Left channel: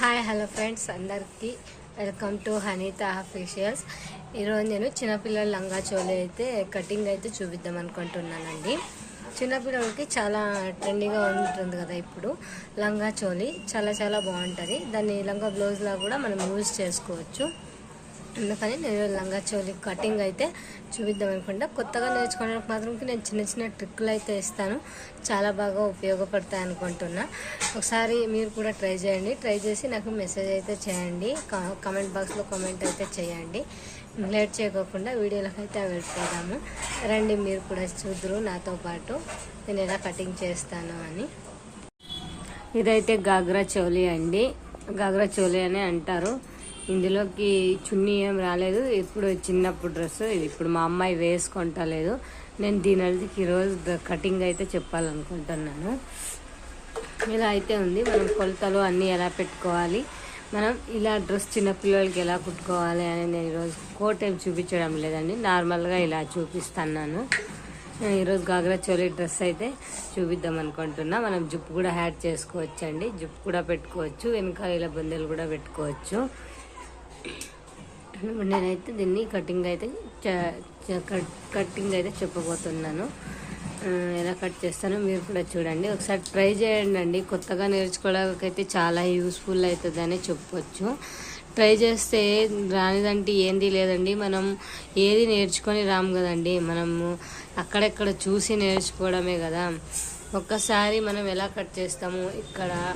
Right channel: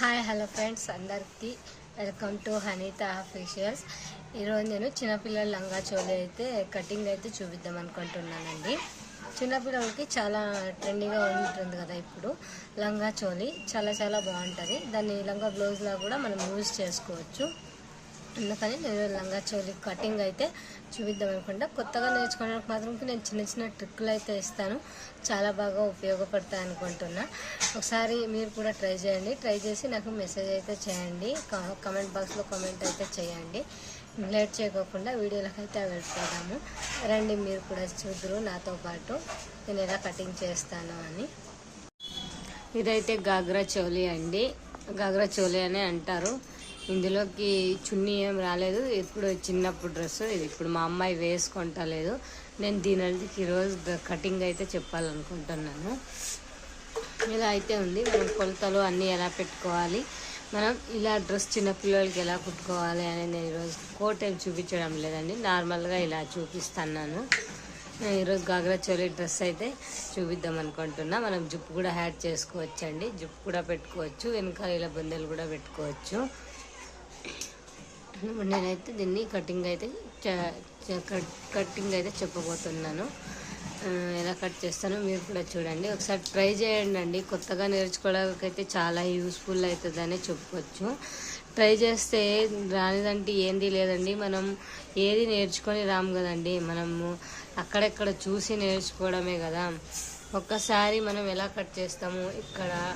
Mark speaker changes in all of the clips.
Speaker 1: Hi hello friends అందరికీ welcome to Haneetha officials ఈరోజు నేను చిన్నపిల్లల లంగా చోలి అయితే కటింగ్ అయితే చూపిద్దాం అనుకుంటున్నానండి. చిన్నపిల్లలకి చాలా ట్రెండీగా ఉంటుంది కదా ఇప్పుడు. లంగా చోలి చాలా చాలా బాగుంటుంది. దాన్ని లంగా బ్లౌజ్లో కూడా మనం యూజ్ చేసుకోవచ్చు. అందుకని నేను లంగా చోలి కటింగ్ అయితే చూపిద్దాం అనుకుంటా. కొత్తగా నేర్చుకోవడానికి మాత్రం నేను చిన్న చిన్న ట్రిక్లు అయితే ఇస్తాను. చాలా బాగా ఉపయోగపడతాయి అనుకుంటున్నా. ఒకసారి మీరు కూడా ట్రై చేయండి. ట్రై చేసి నాకు మెసేజ్ అయితే చేయండి. కమెంట్ కామెంట్ బాక్స్లో కామెంట్ అయితే చేయండి. లేట్ చేయకోకుండా వీడియోలకు అయితే వెళ్ళిపోదాము. రండి మీరు కూడా చూద్దరు. నాతో పాటు నేను ఎలా కటింగ్ చేస్తాను అని. ఇదైతే గాగ్రా చోలీ అండి. గాగ్రా చోలీ అని అంటారు. ఇందులోకి చున్నీ ఏం రాలేదు. ఇప్పుడు చిన్నప్పుడు డ్రెస్ ఇది ఇప్పుడు మా అమ్మాయి వేసుకుంటలేదు. నేను దీని ఈరోజు కటింగ్ అయితే చెప్పాలనుకుంటున్నాను. ఇలా అయితే ఉంది. మనం కొలతలు అన్నీ ఎలా పెట్టుకోవాలి? మనం ఇలా డ్రెస్ చిన్నపిల్లలకి ఎలా కుట్టుకోవాలి అనేది నేను ఈరోజు కోట్ ఏం చూపించడం లేదండి. నార్మల్గా ఇలా చూపిస్తున్నాను. నేను ఈరోజు గాగ్రా చోలి డ్రెస్ అయితే చూపిద్దాం అనుకుంటున్నా. మనం జుప్పు కూడా హ్యాడ్ చేసుకోవచ్చు అండి జుప్పు కూడా పెట్టుకోవచ్చు. వెనకాల ఇలా బొందెలు కూడా పెట్టుకోవచ్చు. నేనైతే దీన్ని కటింగ్ అయితే చ- కట్- కటింగ్ అయితే చెప్పబోతున్నాను. ఎలా కట్ చేస్తానో మీరు కూడా చూడండి. ఒకసారి ట్రై చేయండి అండి. కొత్తగా నేర్చుకోవడానికి అయితే చాలా యూస్ఫుల్ అవుతుందని చెప్పొచ్చు. ట్రై చేస్తే రానిదంటే ఏంది లేదండి. మనం ఏది నేర్చుకొని రాము కదండి. మనము అక్కడెక్కడ చూసి నేర్చుకోవడమే కదా. ఒక్కసారి మనం ఎలా కట్ చేస్తాము ఇక్కడ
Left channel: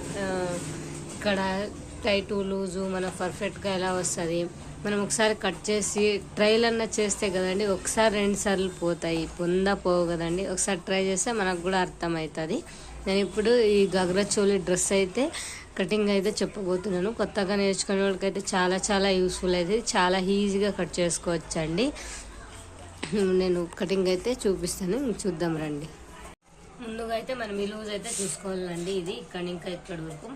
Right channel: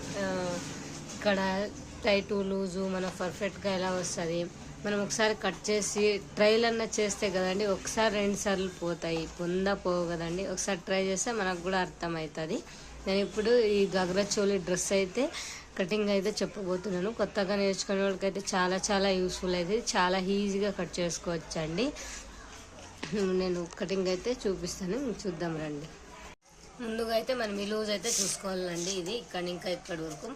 Speaker 1: ఇక్కడ టైటు లూజు మనం పర్ఫెక్ట్గా ఎలా వస్తుంది. మనం ఒకసారి కట్ చేసి ట్రైల్ అన్న చేస్తే కదండి ఒకసారి రెండు సార్లు పోతాయి. పొంద పోవు కదండి. ఒకసారి ట్రై చేస్తే మనకు కూడా అర్థమవుతుంది. నేను ఇప్పుడు ఈ గగ్రా చోలి డ్రెస్ అయితే కటింగ్ అయితే చెప్పబోతున్నాను. కొత్తగా నేర్చుకునే వాళ్ళకైతే చాలా చాలా యూస్ఫుల్ అవుతుంది చాలా ఈజీగా కట్ చేసుకోవచ్చు అండి నేను కటింగ్ అయితే చూపిస్తాను. చూద్దాం రండి. ముందుగా అయితే మనం ఈ లూజ్ అయితే చూసుకోవాలండి. ఇది ఇక్కడ ఇంకా ఇక్కడ వరకు.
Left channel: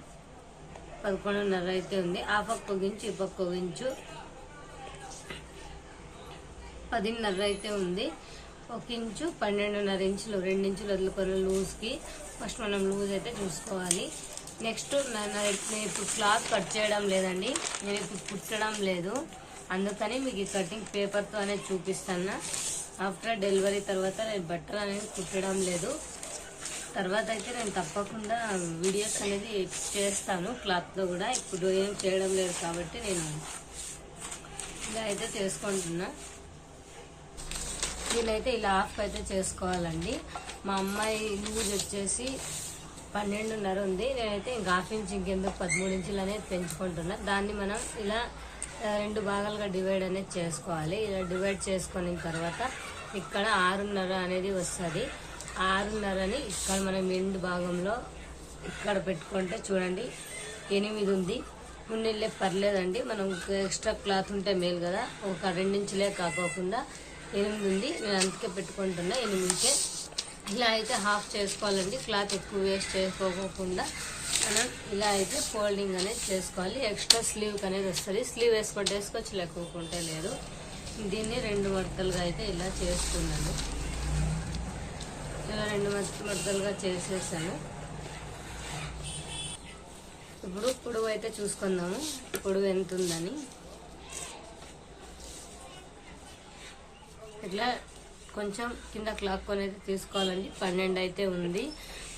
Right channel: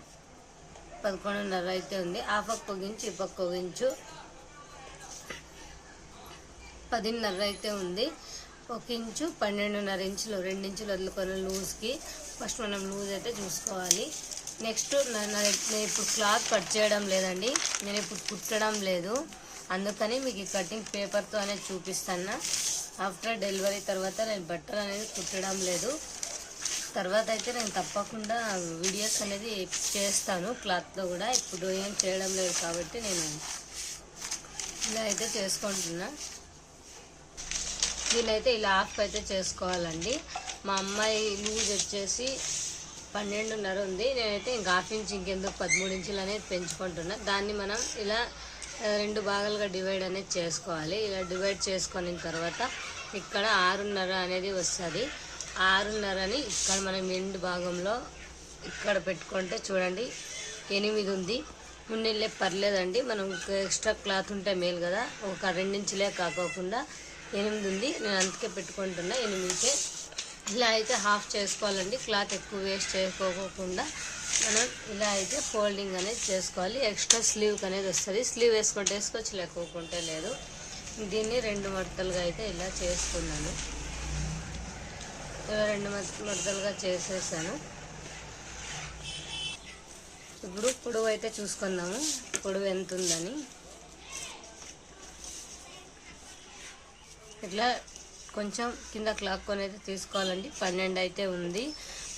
Speaker 1: పదకొండున్నర అయితే ఉంది. ఆ పక్క ఒగించు ఈ పక్క ఒగించు పదిన్నర అయితే ఉంది. ఒక ఇంచు పన్నెండున్నర ఇంచులు రెండు ఇంచులు వదులుకొని లూజ్కి. ఫస్ట్ మనం లూజ్ అయితే చూసుకోవాలి. నెక్స్ట్ నా- నేను ఇప్పుడు క్లాత్ కట్ చేయడం లేదండి. నేను ఇప్పుడు కుట్టడం లేదు. అందుకని మీకు ఈ కటింగ్ పేపర్తో అనేది చూపిస్తాను ఆఫ్టర్ డెలివరీ తర్వాత నేను బట్టలు అనేది కుట్టడం లేదు. తర్వాత అయితే నేను తప్పకుండా వీడియోస్ అనేది చేస్తాను క్లాత్లో కూడా. ఇప్పుడు ఏం చేయడం లేదు కాబట్టి నేను ఇలా అయితే చేసుకుంటున్నా. దీనైతే ఇలా హాఫ్ అయితే చేసుకోవాలండి. మా అమ్మాయి లూజ్ వచ్చేసి పన్నెండున్నర ఉంది. నేనైతే ఇంకా హాఫ్ ఇంచ్ ఇంకెందుకు పదమూడు ఇంచులు అనేది పెంచుకుంటున్నా. దాన్ని మనం ఇలా రెండు భాగాలుగా డివైడ్ అనేది చేసుకోవాలి. ఇలా డివైడ్ చేసుకున్న తర్వాత ఇక్కడ ఆరున్నర అనేది వస్తుంది. ఆరున్నరని ఇక్కడ మనం ఎండు భాగంలో ఇక్కడ పెట్టుకుంటే చూడండి ఎనిమిది ఉంది. మున్నెళ్ళే పర్లేదండి. మనం ఎక్స్ట్రా క్లాత్ ఉంటే మేలు కదా. ఒక రెండించులే కాకోకుండా ఎనిమిది ఉంది నేను అందుకే పెట్టుకుంటున్నా. ఎనిమిదికే. ఇలా అయితే హాఫ్ చేసుకోవాలండి. క్లాత్ ఎక్కువ వేస్ట్ చేసుకోకుండా మనం ఇలా అయితే ఫోల్డింగ్ అనేది చేసుకోవాలి. ఎక్స్ట్రా స్లీవ్ అనేది వస్తుంది. స్లీవ్ వేసుకుంటే వేసుకోవచ్చు లేకపోకుంటే లేదు. దీన్ని రెండు మడతలుగా అయితే ఇలా చేసుకున్నాను. రెండు మడతలుగా చేసేసాను. ఇప్పుడు పొడవు అయితే చూసుకుందాము. పొడవు ఎంత ఉందని ఇట్లా కొంచెం కింద క్లాక్ అనేది తీసుకోవాలండి. పన్నెండు అయితే ఉంది.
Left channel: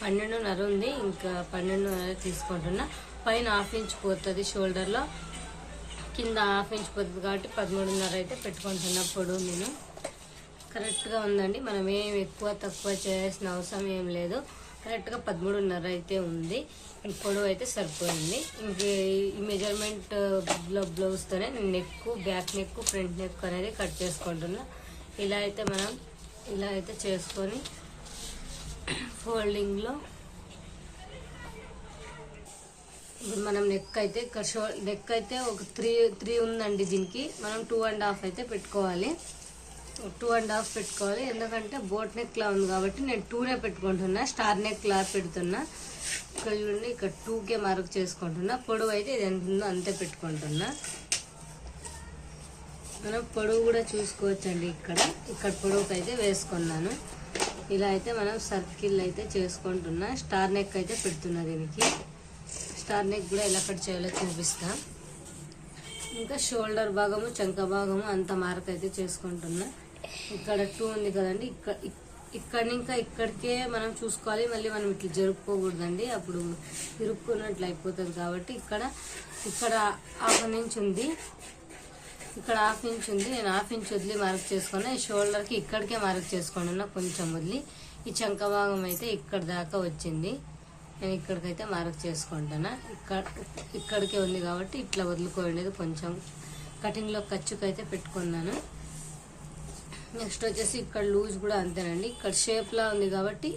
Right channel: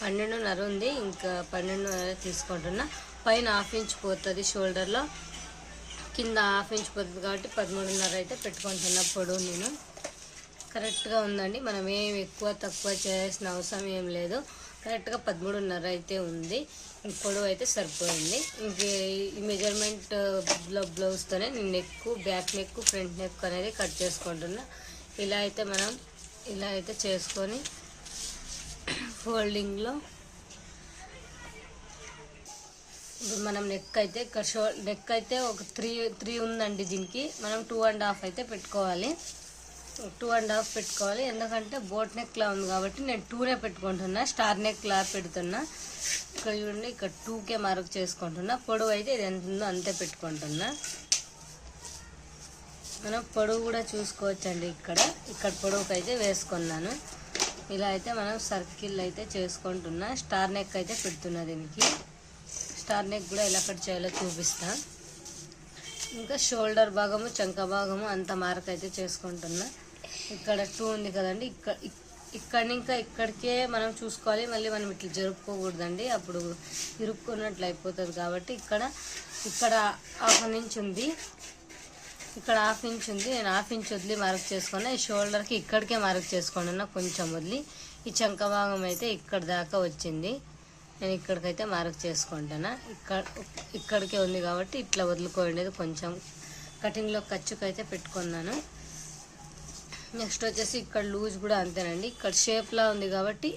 Speaker 1: పన్నెండున్నర ఉంది. ఇంకా పన్నెండున్నర తీసుకుంటున్నా. పైన హాఫ్ ఇంచ్ పోతుంది షోల్డర్లో. కింద హాఫ్ ఇంచ్ పోతుంది కాబట్టి పదమూడున్నర అయితే పెట్టుకుంటున్నా పొడవు నేను. కరెక్ట్గా ఉందండి. మనం ఏం ఎక్కువ తక్కువ చేయాల్సిన అవసరం ఏం లేదు. కరెక్ట్గా పదమూడున్నర అయితే ఉంది. పొడవు అయితే సరిపోయింది. ఇంక ఈ మెజర్మెంట్ బ్లౌజ్తోనే నేను neck back neck front neck అనేది కట్ చేసుకుంటున్నా. ఇలా అయితే మనం ఇలా అయితే చేసుకొని ఫోల్డింగ్లో ఇప్పుడు మనం నెక్ అయితే ఇక్కడ షో నెక్ అయితే ఒక త్రీ త్రీ ఉందండి దీనికి. మనం టూ అండ్ హాఫ్ అయితే పెట్టుకోవాలి. టూ అండ్ హాఫ్ పెట్టుకోవాలి. ఎందుకంటే బోట్ నెక్ లా ఉంది కాబట్టి నేను టూనే పెట్టుకుంటున్నా. స్టార్ నెక్ లా పెడుతున్నా. ఇక్కడ చూడండి ఇక్కడ టూకే మార్క్ చేసుకుంటున్నా. పొడవు అయితే ఇది ఎంత ఉందో అంతే పెట్టుకుంటున్నా. మనం పొడవు కూడా చూసుకోవచ్చండి ఇక్కడ. ఇక్కడ పొడవుకి అయితే వేసుకున్నాను. ఇలా అయితే మనం సర్కిల్ అయితే చేసుకుంటున్నా. స్టార్ నెక్ అయితే పెడుతున్నా దీనికి. స్టార్ నెక్ కూడా ఎలా కట్ చేయాలో చూపిస్తా. ఇంకా షోల్డర్ భాగము చంక భాగము అంత మార్క్ అయితే చేసుకుంటున్నా. ఇక్కడ టూ ఉంది కదండి. ఇక్కడ ఇక్కడ ఇంకా ఇక్కడికే మనం చూసుకోవాలి. మళ్ళీ మనం ఇట్లా జరుపుకోకూడదండి. అప్పుడు ఇరుక్కున్నట్లు అయిపోతుంది కాబట్టి ఇక్కడ ఇక్కడ హాఫ్ నుంచి ఉంది. ఇక్కడ హాఫ్ ఇంచ్ ఉంది. నేను హాఫ్ ఇంచ్ వదిలి మార్క్ చేసుకున్నా. ఈ షోల్డర్కి ఇక్కడికే మార్క్ చేసుకున్నా కొంచెం వదిలి. ఈ చంక భాగం అయితే ఇక్కడ దాకా వచ్చింది. నేను ఇక్కడికైతే మార్క్ చేసుకుంటాను. ఇక్కడ ఇక్కడికే ఉంది కాబట్టి ఇట్లా వదులుకోండి కొంచెం. కటింగ్లో ఖర్చుకైతే పెట్టుకున్నాను. నెక్స్ట్ వచ్చేసి ఇక్కడ లూజ్ కూడా అంతేనండి. ఇక్కడ షేప్లా ఉంది కాబట్టి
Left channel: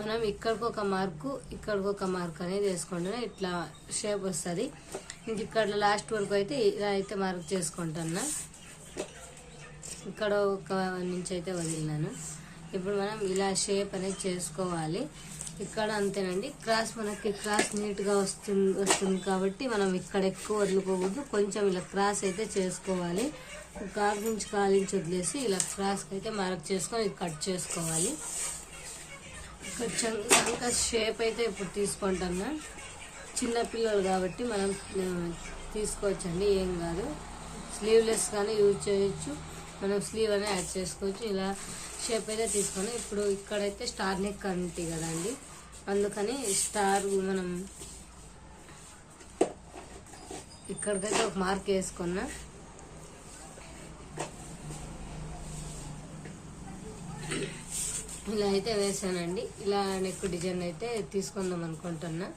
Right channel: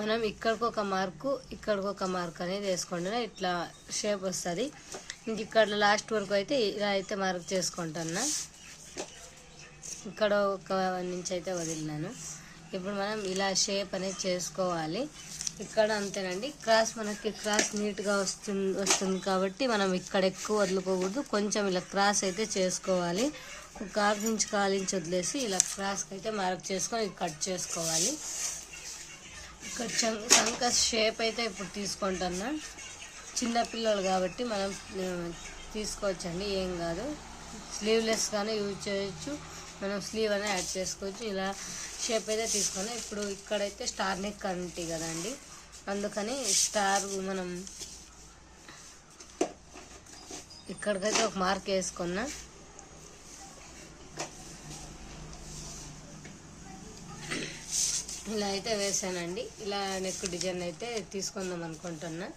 Speaker 1: మనం ఇక్కడికి ఒక మార్కు ఇక్కడికి ఒక మార్క్ అనేది వేసుకోండి. ఇట్లా షేప్ వస్తుంది. ఇంక ఇక్కడ లాస్ట్ వరకు అయితే ఇలా అయితే మార్క్ చేసుకుంటున్నా. ఇక్కడ ఒక నుంచి అయితే వదిలినాను. ఇప్పుడు మనం ఇలా షేప్ అనేది చేసుకోవాలి. ఇక్కడ అంతేనండి. క్రాస్ మనకి క్రాస్ నీట్గా వస్తుంది వస్తుంది కాబట్టి మనం ఇక్కడ ఎక్కువ వదులుకోకూడదు. కొంచెం ఇలా క్రాస్ అయితే చేసుకోవాలి. ఒక ఆరు నుంచి కాలించి వదిలేసి ఇలా క్రాస్కి అయితే మార్క్ చేసుకొని కట్ చేసుకోవాలి. కొంచెం చంక షేప్ అయితే ఇప్పుడు తీసుకుంటున్నా. చిన్నపిల్లలు కాబట్టి మనం తీసుకోవచ్చండి ఏం కాదు. స్లీవ్లెస్ కానీ యూజ్ చేయొచ్చు. మనం స్లీవ్ అనేది యాడ్ చేసుకోవచ్చు. ఇలా షేప్ అయితే తీసుకొని ఇప్పుడు ఇక్కడైతే స్టార్ నెక్ అంటి కదండి. అందుకని స్టార్ మనం ఇక్కడికైతే ఒక మార్క్ వేసుకున్నా. ఇలా అయితే వేసానండి. ఇలా నెక్ డిజైన్ అయితే తీసుకుందాం అనుకుంటున్నా.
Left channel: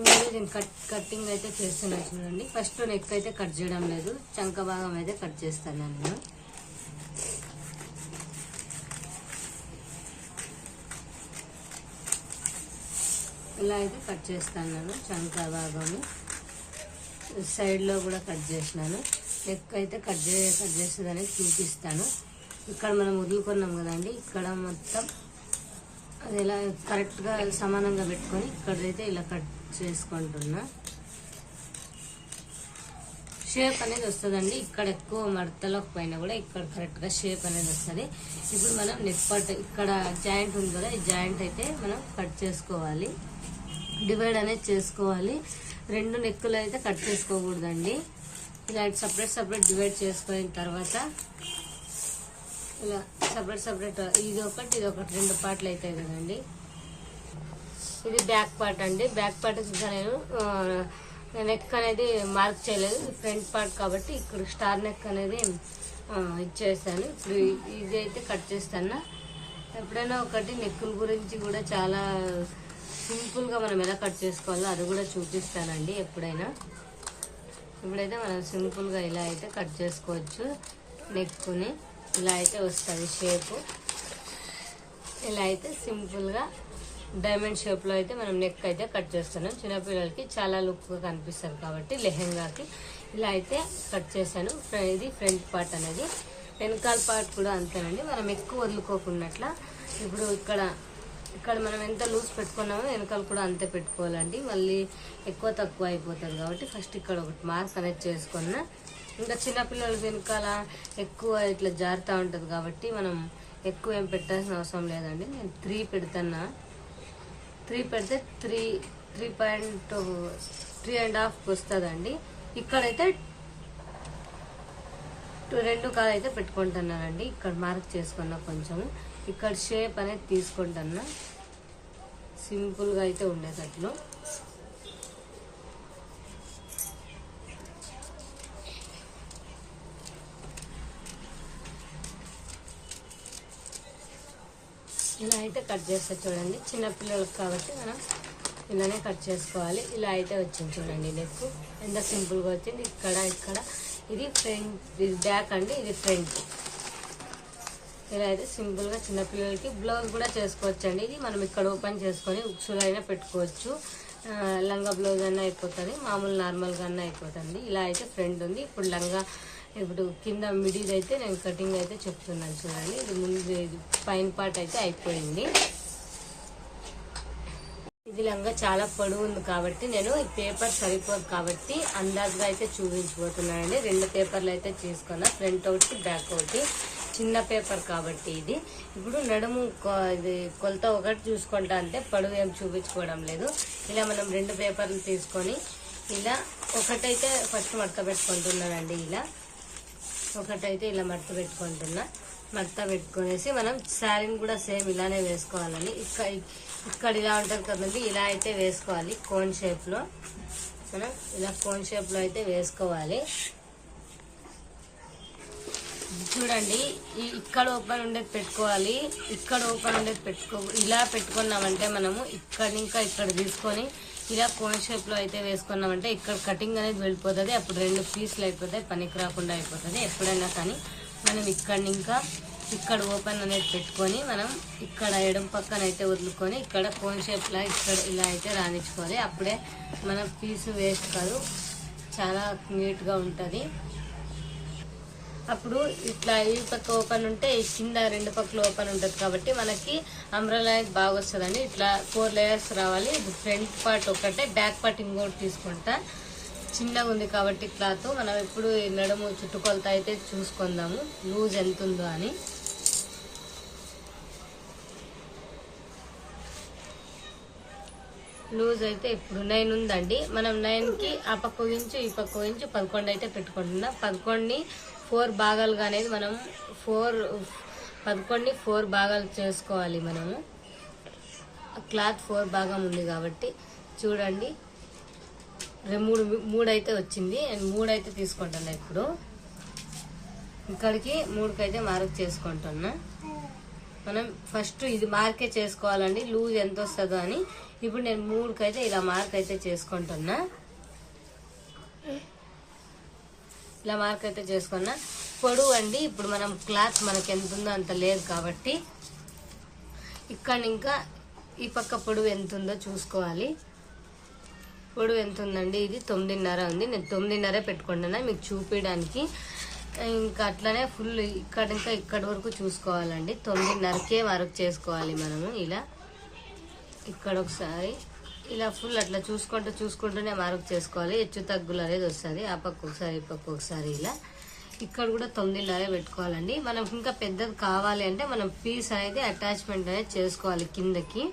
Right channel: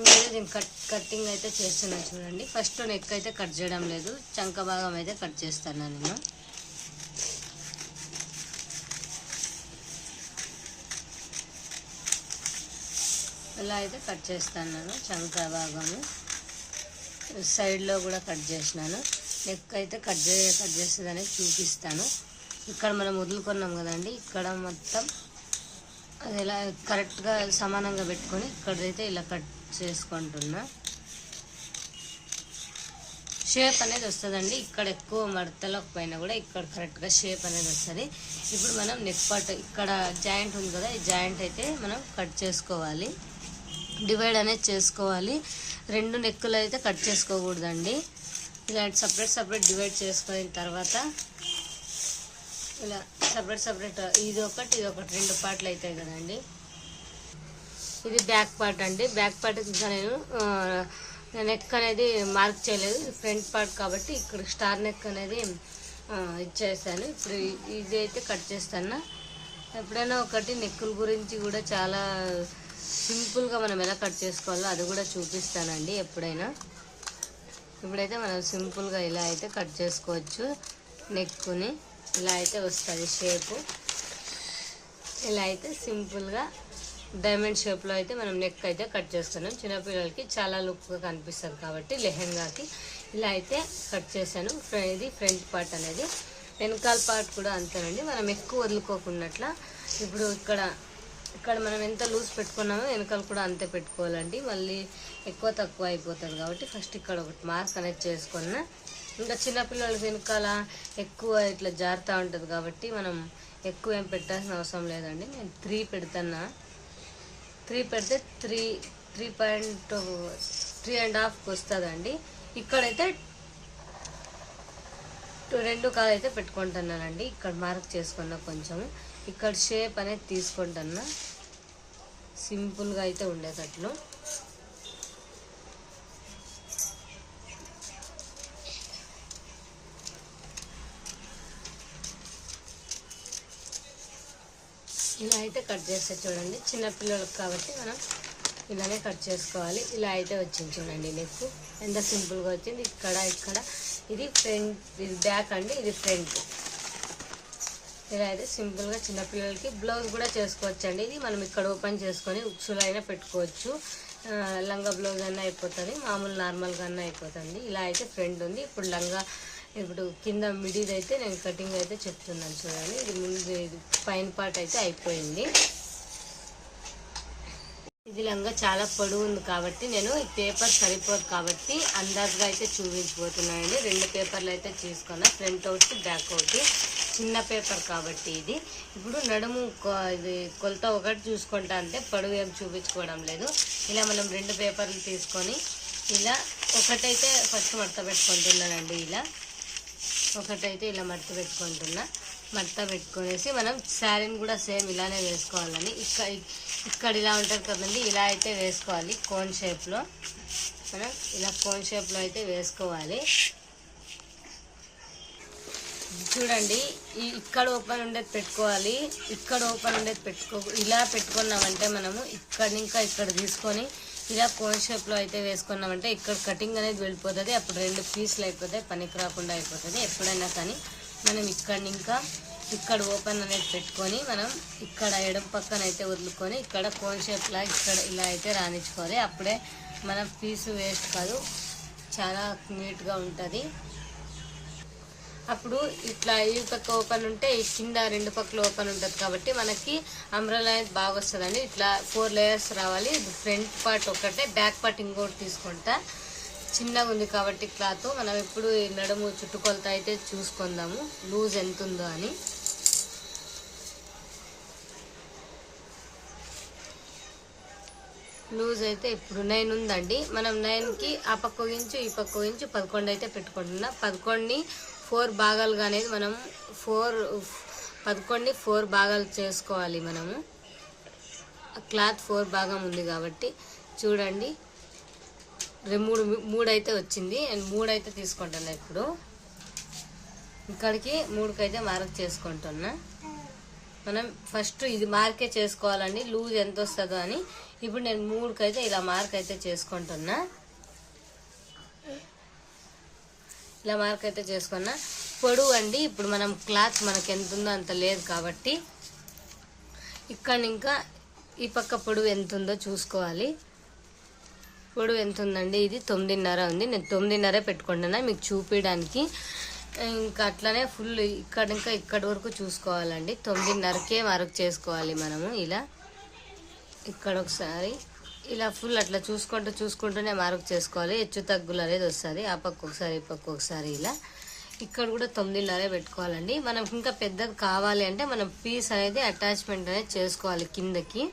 Speaker 1: ఇంకా దీన్ని కట్ కటింగ్ అయితే చేస్తున్నా చూడండి. ఫస్ట్ నెక్ అయితే కట్ చేయడం లేదు. చంక భాగం అయితే కట్ చేస్తాను నేను. ఇలా అయితే కట్ చేస్తాను నేను చంక భాగము. సైడ్లో కూడా కట్ చేసినాను. నెక్ అయితే కట్ చే కట్ చేస్తుందని చూపిస్తాను. ఇక్కడ మనం వదులుకున్నాం కదండి. ఇక్కడ మొత్తం అది ఇలా కరెక్ట్గా సమానంగా పెట్టుకొని ఇక్కడైతే ఇలా కట్ చేసుకుంటున్నా. షేప్ అనేది వస్తుందండి. ఇక్కడ ఎక్కువ మడతలకు పైన కూడా ఇక్కడ కరెక్ట్గా షేప్ అనేది వస్తుంది. ఇప్పుడు మనం నెక్ పార్ట్ ఇక్కడ జాయింట్ ఉంది కదా ఈ జాయింట్ అయితే మనం కట్ చేసుకోవాలి. డివైడ్ అనేది చేసుకోవాలి. రెండు నెక్కులు అయితే కట్ చేసుకోకూడదండి. ఇలా సపరేట్ సపరేట్ డివైడ్ చేసుకున్న తర్వాత ఇలా సపరేట్ సపరేట్ ఇది ఒకటి ఇది ఒకటి రెండు పార్ట్లు అవుతాయి కదండి. ఇది బ్యాక్ పార్ట్ అండి. బ్యాక్ పార్ట్ నేను నెక్ అనేది మార్క్ చేయలేదు. ఫ్రంట్ పార్ట్ కాబట్టి ఇక్కడ స్టార్ నెక్ అనేది ఇచ్చేసాను. ఇప్పుడు ఇది అయితే కట్ చేస్తాను. ఎప్పుడైనా ఒకటి నెక్కుల గురించి కూడా చాలా సింపుల్గా మనం ఎలా కట్ చేసుకోవాలో అది కూడా చూపిస్తానండి ఎప్పుడైనా. ఇప్పుడైతే మనం సింపుల్గా ఇలా అయితే కట్ చేసుకోవచ్చు నెక్కుని ఇలా అయితే వస్తుంది షేపు. ఇలా అయితే సింపుల్గా డైమండ్ షేప్లో అయితే మనం నెక్ అయితే కట్ చేస్తున్నాం. చిన్నపిల్లలకి చాలా లుక్గా కనిపిస్తుంది కాబట్టి లెహెంగాకి. ఇలా అయితే కట్ చేశాను. ఇది ఫ్రంట్ పార్ట్ అనేది. వెనకాల పార్ట్ కూడా అంతేనండి. మనం ఎక్కువ వదులుకోకున్నట్ల ఇప్పుడు ఇక్కడ ఇక్కడ మనం ఎంత లూజ్ పెట్టుకున్నామో వెనకాల కూడా అంతే పెట్టుకోవాలండి. మళ్ళీ ఎక్కువ తక్కువ అయిపోతుంది కాబట్టి ఫస్ట్ ఇక్కడ ఒకటి మార్క్ అనేది చేసుకున్నా ఇంకా చిన్నపిల్లల వెనకాల ఎక్కువ ఇట్లా జారుతూ ఉంటుంది కాబట్టి మనం ఎక్కువ ఏం పెట్టాల్సిన అవసరం లేదండి. నేను త్రీ పెడుతున్నా. త్రీ పెడితే three three point three and హాఫ్కి వస్తుందండి. ఇక్కడైతే టు- రెండు కాలు అయితే పెట్టుకుంటున్నానండి. ఇక్కడ మార్క్ చేసుకున్నా కొంచెం. ఇక్కడ షేప్ అనేది తీసుకుంటున్నా. సింపుల్గా అయితే ఉండేటట్లు. ఇలా అయితే కట్ చేస్తే చూడండి. చిన్నపిల్లలకు కాబట్టి మనం ఇలానే కట్ చేసుకోవాలి. ఇలా అయితే వచ్చింది చూడండి నెక్ ఎంత సింపుల్గా వచ్చింది. ఇక్కడ ఇక్కడ. ఇది ఫ్రంట్ ఇది బ్యాక్ అండి. ఇది ఫ్రంట్. ఇలా అయితే సింపుల్గా చిన్నపిల్లలకి బ్లౌజ్ కూడా చేసుకోవచ్చు అండి ఇది మనం ఇక్కడ ఓపెన్ చేసుకొని ఉక్సులు అయినా పెట్టుకోవచ్చు. లంగా బ్లౌజ్ అయినా అయిపోతుంది. మామూలు నార్మల్గా అయినా అయిపోతుంది. ఇలా అయితే ఫ్రంట్ ఉంది. ఇప్పుడు లంగా ఇప్పుడు కింద మిడిది అయితే నేను కటింగ్ అయితే చెప్తున్నాను చూడండి. ఇది ముందు ఇది పైన పార్ట్ అయితే అయిపోయింది. ఇది లంగా చాలా పొడవు ఉంది కాబట్టి నేను ఈ పేపర్ సరిపోదు కాబట్టి అందాజుగా అయితే చూపించబోతున్నానండి. రెండు పేపర్లు అయితే చేసుకున్నా ఫ్రంట్ ఒకటి బ్యాక్ ఒకటి. చిన్న పేపర్ కాబట్టి ఇది. ఇప్పుడు నడుము ఇది కొలత ఒకటి చూసుకుంటా అంటే పొడవు ఏం చూపించుకోవడం లేదు. ఇలా మనం రెండు పేపర్లు తీసుకొని ఇలా ఒకటైతే ఫస్ట్ మడత పెట్టుకుంటున్నానండి ఇలా. ఒకటైతే ఇలా మడత పెట్టుకుంటున్నా. మడత పెట్టుకునేసి మనం శారీని కూడా సేమ్ ఇలానే వేసుకోవాలని. ఇక్కడ ఇక్కడ ఇలా ఉంటుంది కదండి ఇలా అయితే వేసుకోవాలి కోన్ షేప్లో. మనం ఇలా కోన్ షేప్లో అయితే వేసుకోవాలి. చూడండి ఈ ఇక్కడ ఓపెన్ ఉండేది పెట్టుకోవాలి ఇక్కడ ఓపెన్ ఉండేది పెట్టుకో ఇలా పెట్టుకున్నామంటే మనము ఇక్కడ ఇంకా ఇక్కడ తీసుకొని ఇలా కోన్ షేప్లో అయితే వేసుకున్నామంటే ఇక్కడ కటింగ్ అనేది వెళ్ళిపోతుంది అప్పుడు రెండు పీసులు అయిపోతాయి పనికి రాకుండా అయిపోతుంది. ఎప్పుడైనా కానీ మనం ఇక్కడ ఇంకా ఇక్కడ ఓపెన్ అనేది పెట్టుకొని మనం ఇక్కడ ఎడం పక్కన అయితే వదులుకొని ఇక్కడ కోన్ షేప్లా ఇక్కడ ఇలా అయితే రాణించుకోవాలి. అప్పుడే మన పీసు వేస్ట్ కాదు చాలా నీట్గా ఉంటుంది. అప్పుడు ఇట్లా ఈ పక్క ఓపెన్ ఉంటే ఈ కింద రెండు పక్కల ఓపెన్ ఉంటుంది కాబట్టి మనకి అంబ్రెలా అనేది బాగా వస్తుందండి ఇట్లా ఫోర్ లేయర్స్ రావాలి. ఇది ఫ్రంట్ పార్ట్ ఒకటే బ్యాక్ పార్ట్ ఇంకోటి తీసుకుంటా. చిన్నగా ఉంది కాబట్టి క్లాత్ మనం ఎప్పుడు నడుము చుట్టుకొలత అయితే చూసుకుందాము. లూజ్ ఎంత ఉందో అని. లూజ్ అయితే ఇప్పుడు నైన్ ఉందండి. మనం నైన్కి ఆ పక్క ఇంచు ఈ పక్క ఇంచు పదకొండు అయితే పెట్టుకుంటున్నా. పదకొండుని ఫోర్ భాగాలుగా అనేది మనం ఫోర్ పదకొండుని ఫోర్ భాగాలు చేసుకోవాలి మనము. క్లాత్ ఫోర్ భాగం ఉంది కాబట్టి చూడండి. మూడు మూడు అయితే వచ్చింది. నేను మూడు అయితే తీసుకుంటున్నా ఇప్పుడు. ఇక్కడికి మూడుకైతే మార్క్ చేసుకుంటున్నా. మనం ఫస్ట్ ఇది మార్కే చేసుకోవాలండి. లూజ్ ఎంత వస్తుందో అని. ఇప్పుడు నేను మూడుకైతే ఇలా మార్క్ అయితే చేసుకుంటున్నా. ఇలా మార్క్ అయితే చేసుకున్నా. పొడవు అండి ఇప్పుడు మనం క్లాత్ మనకి ఎంత ఉందో అంత లేదు కాబట్టి. ఇక్కడ ఇంకా ఈ పక్క పొడవు ఎంత ఉందో చూసుకోవాలి. పొడవు ఎంత ఉందండి? ఇది తొమ్మిదిన్నర ఉంది. నేను తొమ్మిదిన్నరే పెట్టుకుంటున్నా మీకు చూపించడానికి ఇంకా అట్లనే ఫుల్ ఇక్కడ ఇంకా ఇక్కడ వరకు చూసుకోవాలండి. తొమ్మిదిన్నరకే వరకు చేసుకోవాలి మనము ఇలా. ఇక్కడ ఒకసారి. ఇలా ఫుల్ అట్లా చూసుకుంటూ చూసుకుంటూనే మార్క్ చేసుకోవాలి. హెచ్చు తగ్గులు అనేది వస్తుంది. ఆ పక్క ఒకసారి ఈ పక్క ఒకసారి ఇలా. ఇక్కడ కూడా తొమ్మిదిన్నరే పెట్టుకోవాలండి. మనం ఇంకా పెద్దది కావాలి అంటే మనం పీస్ అనేది అటాచ్మెంట్ అనేది చేసుకోవాలి కిందకి.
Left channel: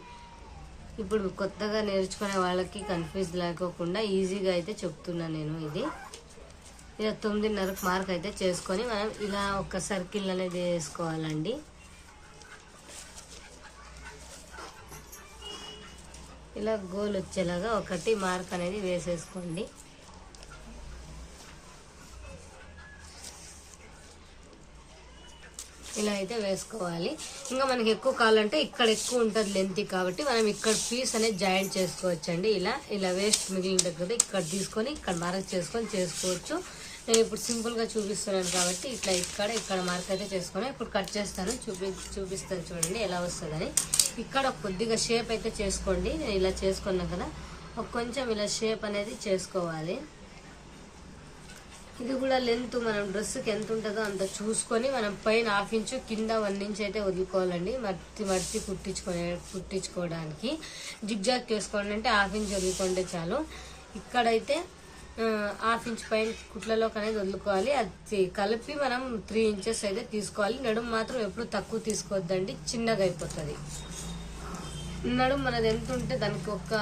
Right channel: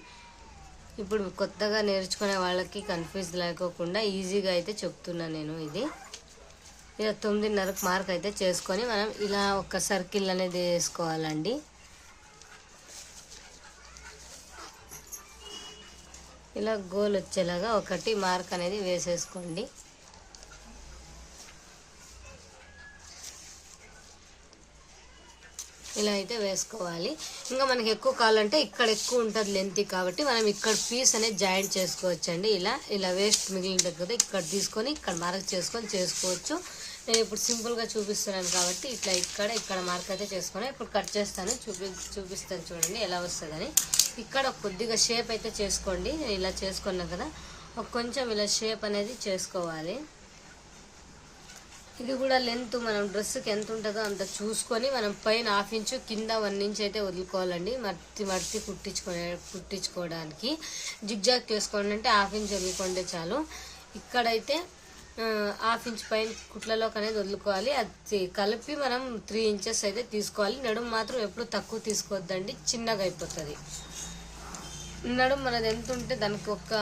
Speaker 1: ఇప్పుడు కొత్తగా నేర్చుకునే వాళ్ళకి కన్ఫ్యూజ్ లేకోకుండా ఈజీగా అయితే చెప్తున్నా నేను ఇది. ఇలా తొమ్మిదిన్నరకు మార్క్ అయితే చేసుకొని మనం ఇలా ఒక సర్కిల్ అనేది వేసుకోవాలండి. ఇలా గోల్ వచ్చేలాగా ఒకటి మార్క్ అనేది వేసేసుకోండి. ఇలా అయితే వేసుకోవాలి. ఇంకా మనకి ఎక్కువ కావాలంటే ఇక్కడ ఎక్కువ ఉంటుంది లెంత్ కాబట్టి మనం ఇక్కడ పీస్ అనేది జాయింట్ చేసుకోవచ్చండి. ఇలా ఇలా వేస్ట్ మిగిలిన దగ్గర ఇక్కడ తీసుకొని ఇక్కడ మార్క్ చేసుకొని చేసుకోవచ్చు. నేను ఇప్పుడు సింపుల్గా చూపిస్తున్నాను కాబట్టి ఇట్లా ఇక్కడ ఇక్కడ మార్క్ అయితే చేసుకుని ఇప్పుడు కట్ చేస్తాను. చూపి చూపిస్తాను చూడండి ఎలా వస్తుందని. ఇక్కడ కొద్దిగా షేప్ అయితే చేసుకోండి. నేను ఇలా చేసుకున్నా కదా కొంచెం ఇలా షేప్ అనేది చేసుకోవాలి. ఇది కూడా లెంత్ మనం డ్రెస్కి ఎంత ఉంటుందో అంత చూసుకొని మనం పైన హాఫ్ ఇంచు కింద వన్ ఇంచ్ అయితే వదులుకోవాలండి. మర్తి మర్తి కుట్టించుకునే కుట్టించుకోవడానికి. జిగ్జాగ్ చేసుకోవాలంటే హాఫ్ ఇంచ్ వదులుకుంటే చాలు. ఇక్కడైతే హాఫ్ ఇంచ్ పైన కుట్లలోకి అనేది వదులుకోవాలి. అది కలిపి మనం త్రీ ఇంచెస్ అయితే తీసుకోవాలి. నడుము మాత్రం ఎప్పుడు తక్కువ తీసుకోవద్దండి. చిన్నగా అయిపోతుంది. నడుము మనది ఎంత ఉంటే దానికి ఒక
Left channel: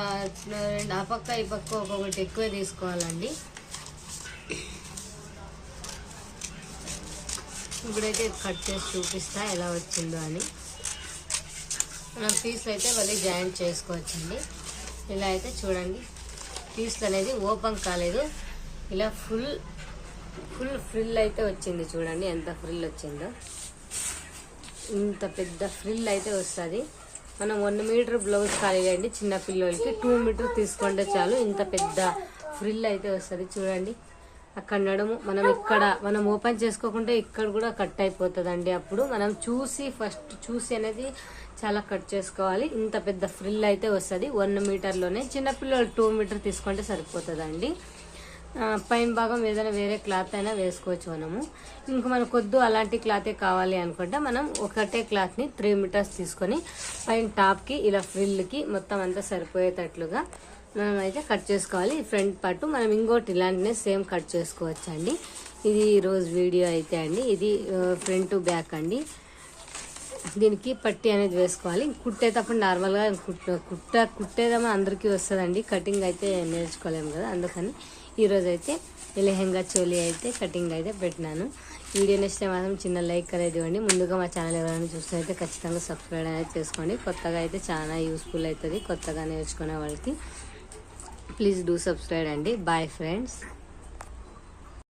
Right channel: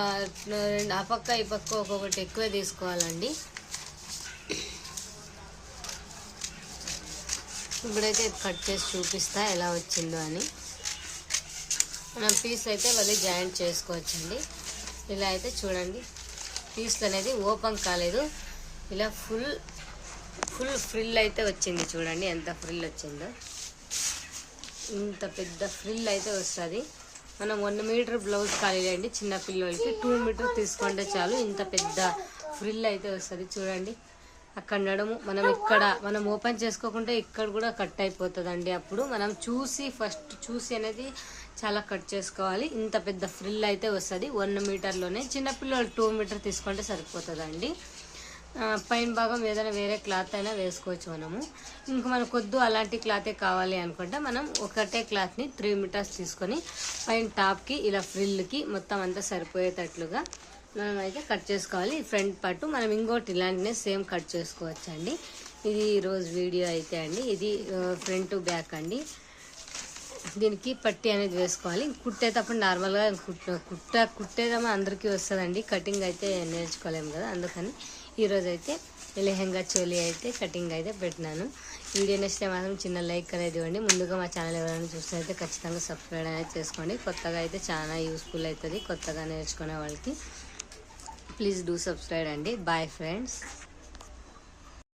Speaker 1: రెండు ఆ పక్క ఈ పక్క ఒక్కొక్కటి ఎక్కువే తీసుకోవాలండి. ఇప్పుడైతే కట్ చేసి చూపిస్తా ఎలా వచ్చిందో అని. మనం పీస్ అయితే మళ్ళీ జాయింట్ చేసుకోవచ్చండి. ఇలా అయితే చూడండి. పీస్ అనేది ఓపెన్ కాలేదు. ఇలా ఫుల్ ఫుల్ ఫ్రిల్ అయితే వచ్చింది చూడండి. ఎంత ఫ్రిల్ వచ్చిందో. ఇంత పెద్ద ఫ్రిల్ అయితే వస్తుంది. మనం వన్ మీటర్ బ్లౌజ్ కాలేదండి చిన్న పిల్లలకి. టూ మీటర్ తీసుకుంటే చాలు ఇంత పెద్ద ఫ్రిల్ అయితే వస్తుంది చూడండి. అక్కడ నడుము మనం ఇక్కడ మనం ఓపెన్ చేసుకోకుంటే ఇక్కడ కూడా కట్ అయిపోతుందండి. అప్పుడు మనం చూసి ఫస్ట్ చూసి అనేది చాలా కట్ చేసుకోవాలి. ఇంత పెద్ద ఫ్రిల్ అయితే వస్తుంది. వన్ మీటర్లోనే చిన్నపిల్లలు టూ మీటర్ తీసుకుంటే సరిపోతుందండి. పైన భాగం ఏదైనా వేరే క్లాత్ అయినా వేసుకోవచ్చు మనము. ఇంకా మనకు వద్దు అలాంటి క్లాతే కావాలి అనుకుంటే మనం ఒకటే క్లాత్ని త్రీ మీటర్స్ తీసుకొని పైన టాప్కి ఇలా ఫ్రిల్కి మొత్తం అంతా సరిపోయేటట్లుగా మనం అయితే కట్ చేసుకోవాలి. ఫ్రంట్ పార్ట్ మనం ఇంకోటి ఇలాంటినే సేమ్ కట్ చేసుకోవచ్చు అండి ఇది ఈరోజు వీడియో అయితే అండి. ఇది ఫ్రంట్ బ్యాక్ అండి. దీనికి పట్టి అనేది వేసుకోవాలి. కుట్టేటప్పుడు నార్మల్గా కుట్ట కుట్ట కుట్టేదేమో అందరికీ వస్తుందండి. కటింగ్ అయితే నేర్చుకోలేము కదా అందుకని ఈరోజు అయితే లెహెంగా చోలీ అయితే కటింగ్ అయితే పెట్టినాను. వీడియో నచ్చితే మాత్రం చిన్న లైక్ అనేది ఇవ్వండి. ముందుగా మా ఛానల్ ఎవరైనా చూస్తే ఖచ్చితంగా సబ్స్క్రైబ్ అనేది చేసుకోండి. కొత్తగా అయితే చాలా యూస్ఫుల్ అవుతుంది. కొత్తగా నేర్చుకునే వాళ్ళకి ప్లీజ్ డూ సబ్స్క్రైబ్ అండి బాయ్ ఫ్రెండ్స్